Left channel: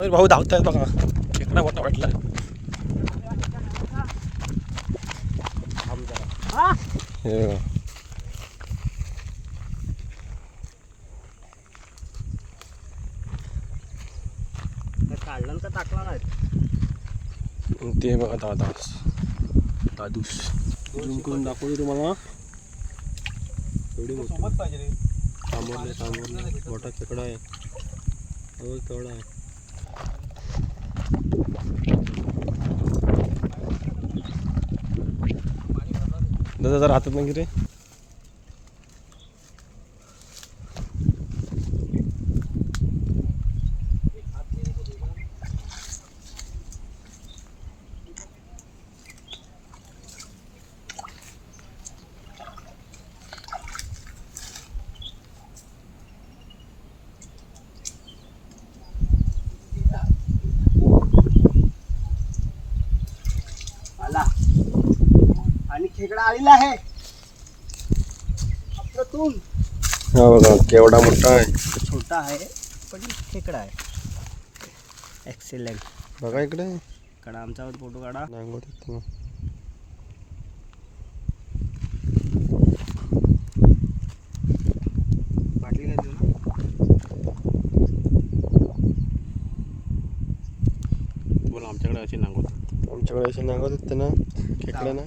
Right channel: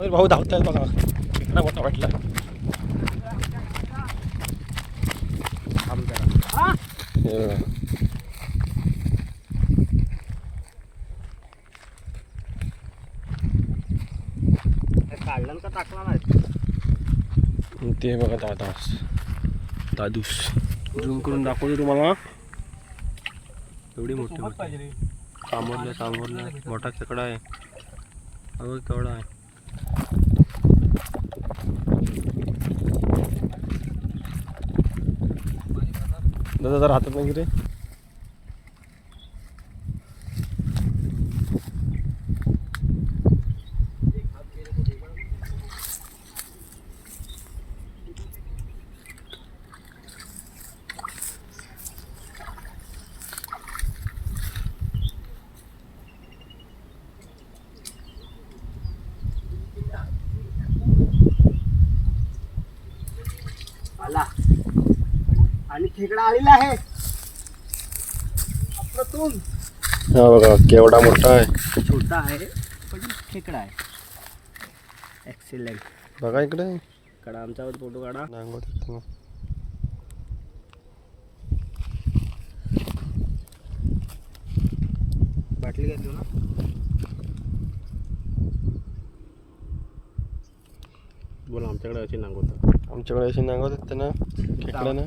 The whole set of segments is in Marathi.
अरे भाऊ धावताय बघा. खेकडा मोठा वाटला. काढलं का टाकला नाही? ते बघा दादास दादूस झूम करून दाखवतो तुम्हाला. एवढी मोठी पाहिजे सामोरला सामोरला मोठा चकडा आहे. अगं केवढा आहे. दादा जरा हातात मग रे आला आणि खेकडा आलेला आहे. अप्रतुम हा बघा केवढा मोठा आहे. छोटा आहे पण खेकडा आहे. एक्सिलेंट बघा इकडे. कडा आमचा फोटो काढा. नांगोट इथं. बाटली काय देऊ ना? बोला आमच्याकडे अशी नांगोट आमच्याकडे अशी नांगोट आहेत ना खेकडा ना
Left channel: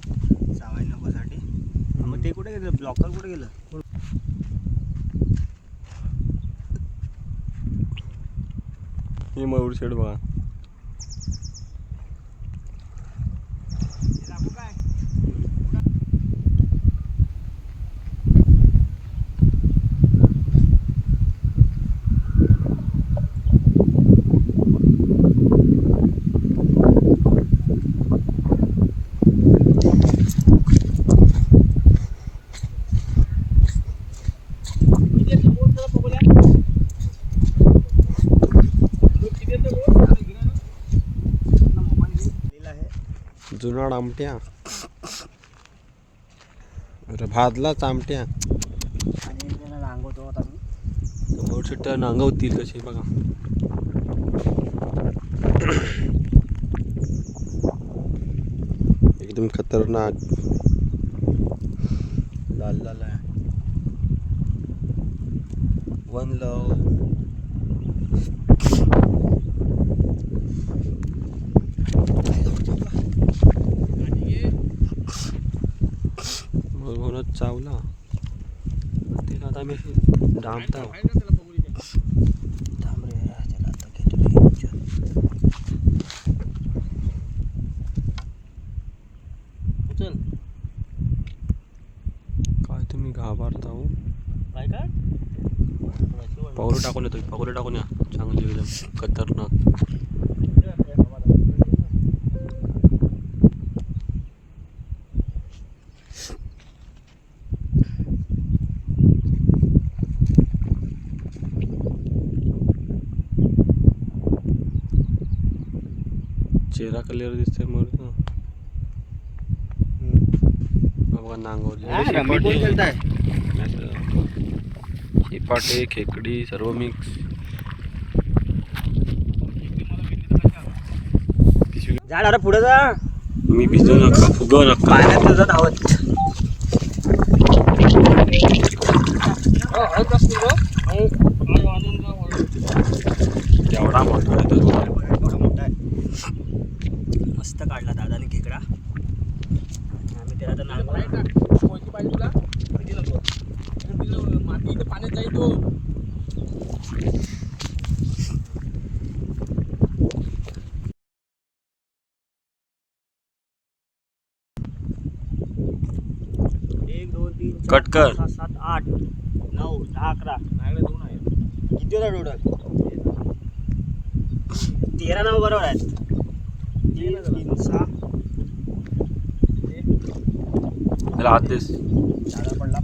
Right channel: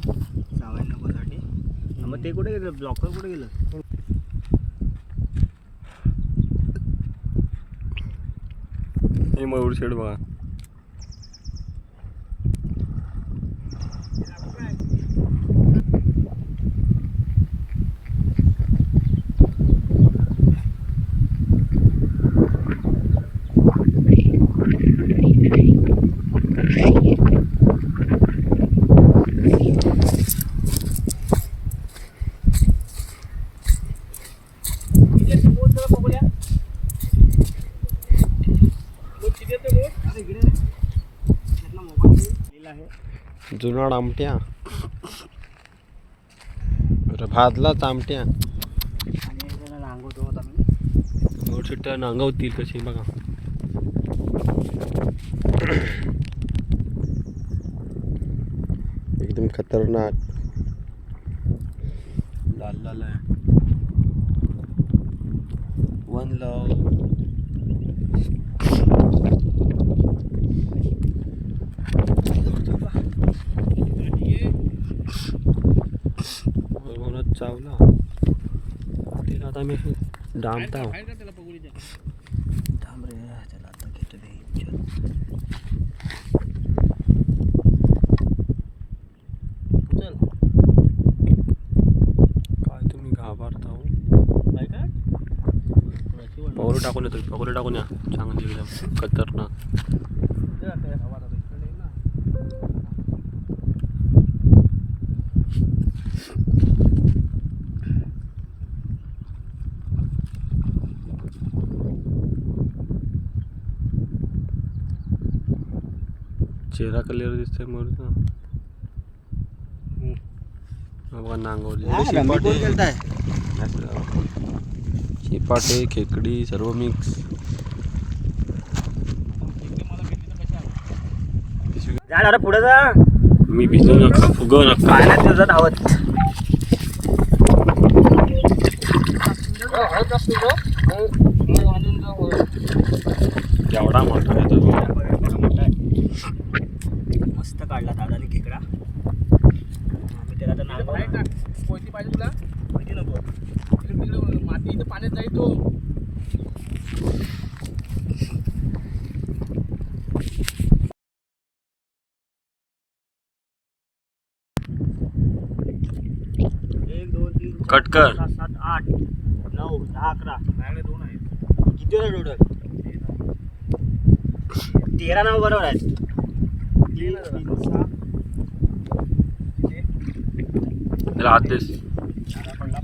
मग ते कुठे गेलं? ब्लॉकर कुठे गेलं? हे मयूर शेड बघा. जुनाड आमट्या. भाजला चामट्या आणि रांगवतो नांगवतील कशी बघा. एकदम खतरनाक. लाल लाल आहे. One love. भरभरच चावला. ते आता मी डांबता. काय तुम्ही घाबरता हो? पावलं टाकून येतो पावलं टाकून या चांगली एकदम खतरनाक. चेहरा क्लिअर दिसतोय बघा नांगवली चिपाटे खेकडी सर्व मिक्स झाड अरे पुढे जा. मी भिजू नका फुगव नका. पाण्यात तुझं धावत. एवढा मोठा आहे तो. मस्त काढला दादाने खेकडा. आम्ही त्याला तर नाव एक दोन तीन चार, कट कर. पाच, सहा, सात आठ नऊ दहा अकरा. दोन आहेत. किती total? तेरा नाव बरोबर आहेत. देस दादा पडला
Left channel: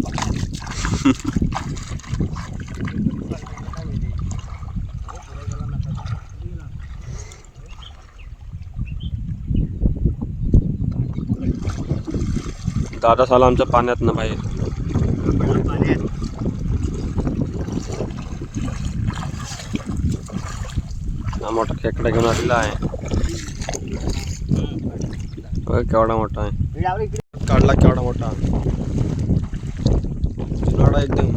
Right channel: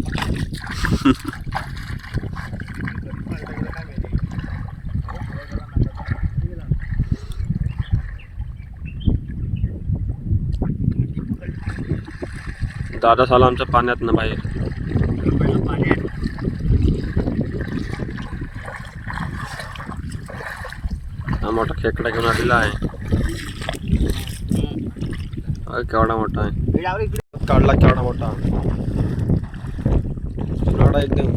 दादा साला आमच्या पाण्यात ना बाहेर. हा मोठा खेकडा घेऊन आलेला आहे. केवढा मोठा आहे. काढला केवढा मोठा. जुनाड आहे एकदम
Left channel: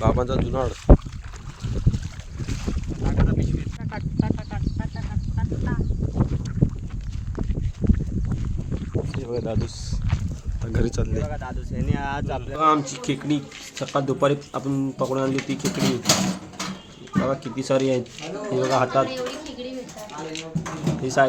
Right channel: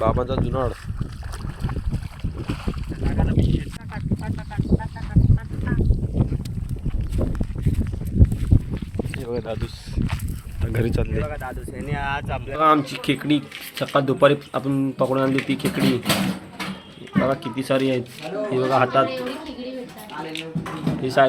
बाबांचा जुनाड. हे बघा दादूस. आता घरी चालले. दादूस यांनी आज आपल्या आमची खेकडी. सकाळ दुपारी आपण पकडून आणली ती खेकडी. बघा किती सारी आहेत. हे बघा हातात. ही सायगा